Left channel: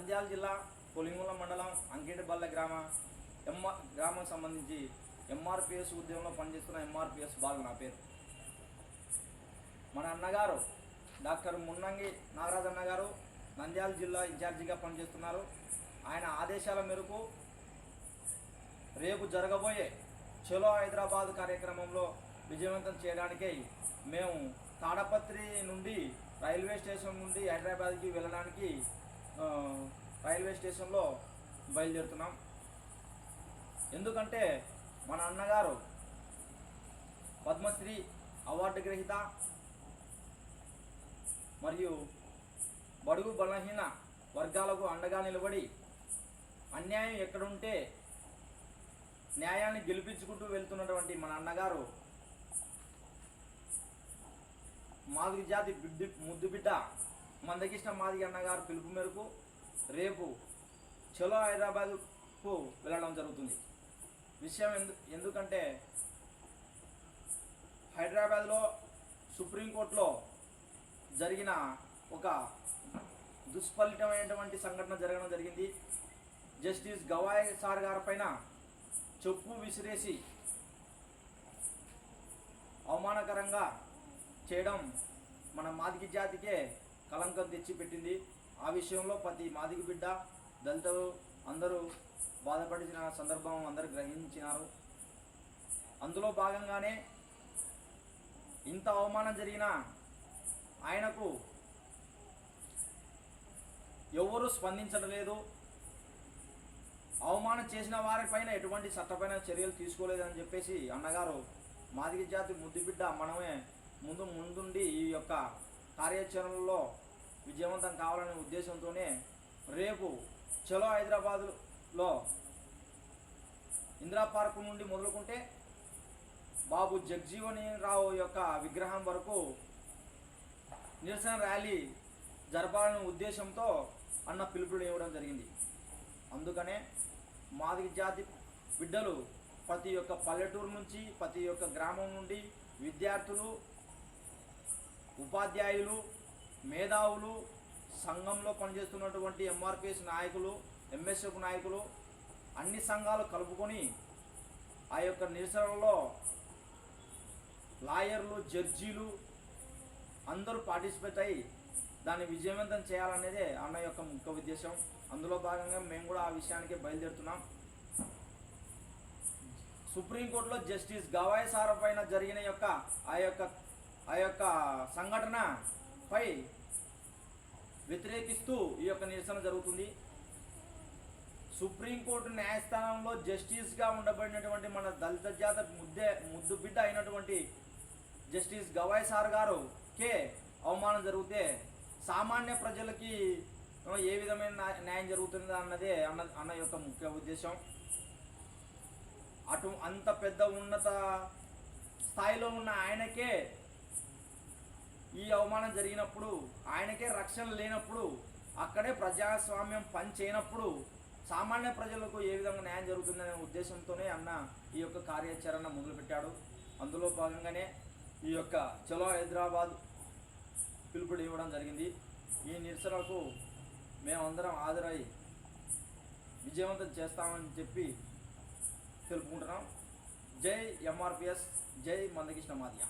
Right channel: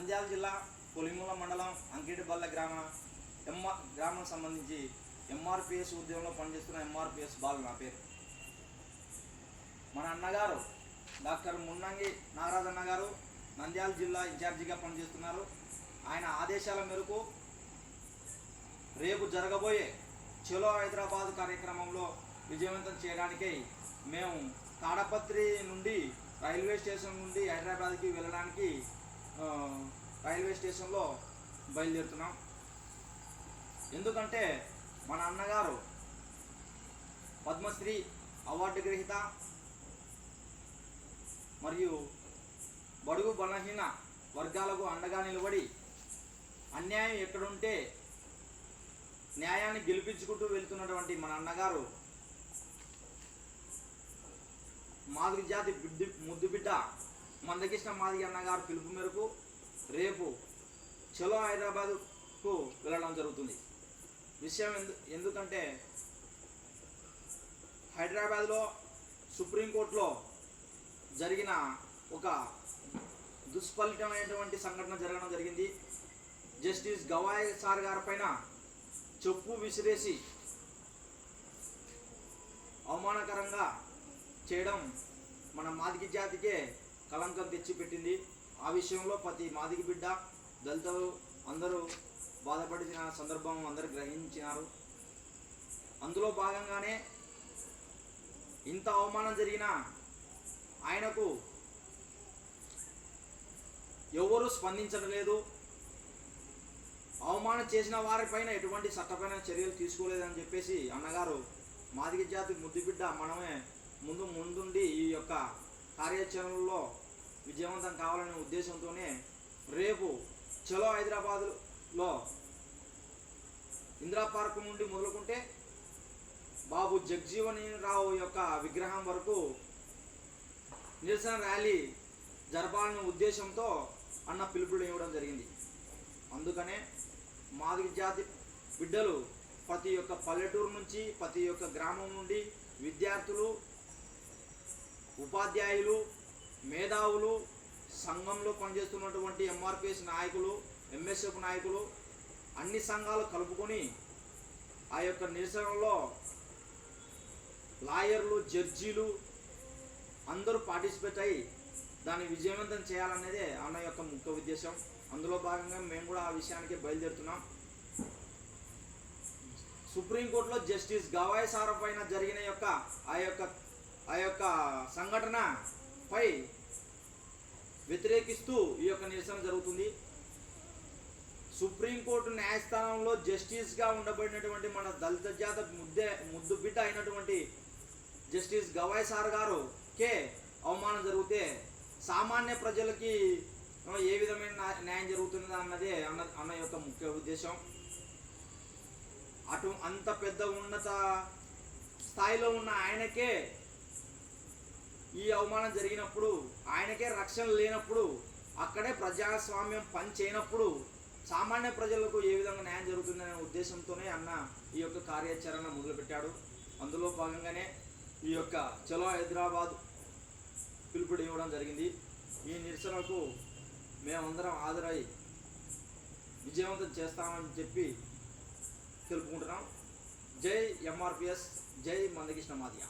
నంద్యాల జిల్లా పులింగుల మండలం అంకిటిబల్ల గ్రామం సంబంధించి ఎంఆర్పిఎస్ ఉద్యమంలో పనిచేస్తున్న ఎంఆర్పిఎస్ బాలు నా పేరు. మన అన్నగారు డాక్టర్ మున్నంగి నాగరాజ్ అన్నగారు నంద్యాల జిల్లా ఇన్ఛార్జిగా పనిచేస్తున్నారు. ఆయన ఆదేశాల మేరకు రేపు జరగబోయే చలో హైదరాబాద్ కార్యక్రమంలో విజయవంతం చేయడానికై మేము తాడపత్రి నుండి రైల్వే స్టేషన్ నుండి హైదరాబాద్కి వెళ్ళడానికి రైల్వే స్టేషన్లో బయలుదేరుతున్నాం. ఎందుకంటే మన అన్నగారు పద్మశ్రీ అవార్డు గ్రహీత మరియు బడుగు బలహీన వర్గాలకు అండగా నిలబడి అన్యాయం ఎక్కడుంటే న్యాయాన్ని గెలిపించుకుంటూ వెళ్తున్నటువంటి మన అన్నగారు మాదిగ జాతి ముద్దుబిడ్డ మందకృష్ణ మాదిగ అన్నగారు పిలుపు మేరకు రేపు చలో హైదరాబాద్కు వెళ్ళడం జరుగుతుంది. విషయం ఎందుకంటే హైదరాబాద్లో సుప్రీంకోర్టులో జరిగిన ఒక దుష్ఫలితమైనటువంటి సంఘటన జరగడం జరిగింది. జస్టిస్ గవాయ్ సార్ గారి పైన చెప్పు విసిరేసి అవమానకరంగా చేయడం మన మాదిగ జాతికే కళంకం తెచ్చిపెట్టింది. ఆ విషయంలో ప్రతి మాదిగ బిడ్డ దళితులు అందరూ బాధపడిన సందర్భం అందరూ గ్రహించినారు. అందులో భాగంగానే ఇంత అవమానం జరిగినా ఆయనకు ఎవరు స్పందించడం లేదు. అవమానం చేసిన వారిపైన ఎటువంటి చట్టపైన చర్యలు తీసుకోలేదని చెప్పేసి అన్నగారు మాదిగ జాతి ముద్దుబిడ్డ మనమే ముందుండి ఈ యొక్క కార్యాచరణలో విజయవంతం కావాలనే ఉద్దేశంతోనే రేపు చలో హైదరాబాద్లో ఇందిరా పార్క్ నుండి మొదలుకుంటే బాబు జగ్జీవన్ రావు యొక్క విగ్రహం వరకు నిరసన ర్యాలీ జరపాలనే ఉద్దేశంతో అన్న పిలుపులు ఇవ్వడం జరిగింది. అందుకనే మాదిగ జాతి బిడ్డలు ప్రతి ఒక్క పల్లెటూరు నుంచి ప్రతి ఒక్క గ్రామం నుండి విద్యార్థులు, ఉపాధ్యాయులు, మేధావులు, సంఘంలో పనిచేస్తున్నటువంటి ఎంఆర్పిఎస్ నాయకులు, ఎంఎస్ఎఫ్ నాయకులు అన్ని సంఘాలు కలుపుకొని ఆ యొక్క నిరసనలో లాయర్లు, జడ్జీలు అందరూ పార్టిసిపేట్ అయ్యి దాన్ని విజయవంతం చేయాలనేదే అన్న యొక్క ముఖ్య ఉద్దేశం. అందులో భాగంగా మేము కూడా ఆ విషయానికి బయలుదేరుతున్నాం. సుప్రీంకోర్టులో జస్టిస్ గవాయ్ సార్ పైన జరిగిన ఆ యొక్క సంఘటనపై వ్యతిరేకిస్తూ ఈ యొక్క నిరసన జరుగుతుంది. సుప్రీంకోర్టు న్యాయస్థానంలో జస్టిస్గా ఉండబడినటువంటి మన దళిత జాతి ముద్దుబిడ్డ అయినటువంటి జస్టిస్ గవాయ్ సార్ గారుకే అవమానం జరిగితే సామాన్య ప్రజలకి ఏ విధమైన న్యాయం జరుగుతుందా అన్నదే అన్న యొక్క ముఖ్య ఉద్దేశం. అంత పెద్ద ఉన్నత స్థాయిలో ఉన్న ఆయనకే ఈ అవమానం జరిగినప్పుడు, ఆయనకే రక్షణ లేనప్పుడు, అక్కడే ప్రజాస్వామ్యం పనిచేయనప్పుడు సామాన్య ప్రజలకు ఏ విధంగా న్యాయం జరుగుతుందనే ఉద్దేశంతోనే అన్న ఈ యొక్క కార్యాచరణ మొదలుపెట్టాడు. అందులో భాగంగానే ఈ యొక్క చలో హైదరాబాద్ పిలుపుడు ఇవ్వడం జరిగింది. ఈ నిరసనకు మేమందరం హాజరై విజయవంతం చేస్తామని చెప్పి తెలుపుకుంటున్నాం. జై ఎంఆర్పిఎస్, జై మందకృష్ణ మాదిగ.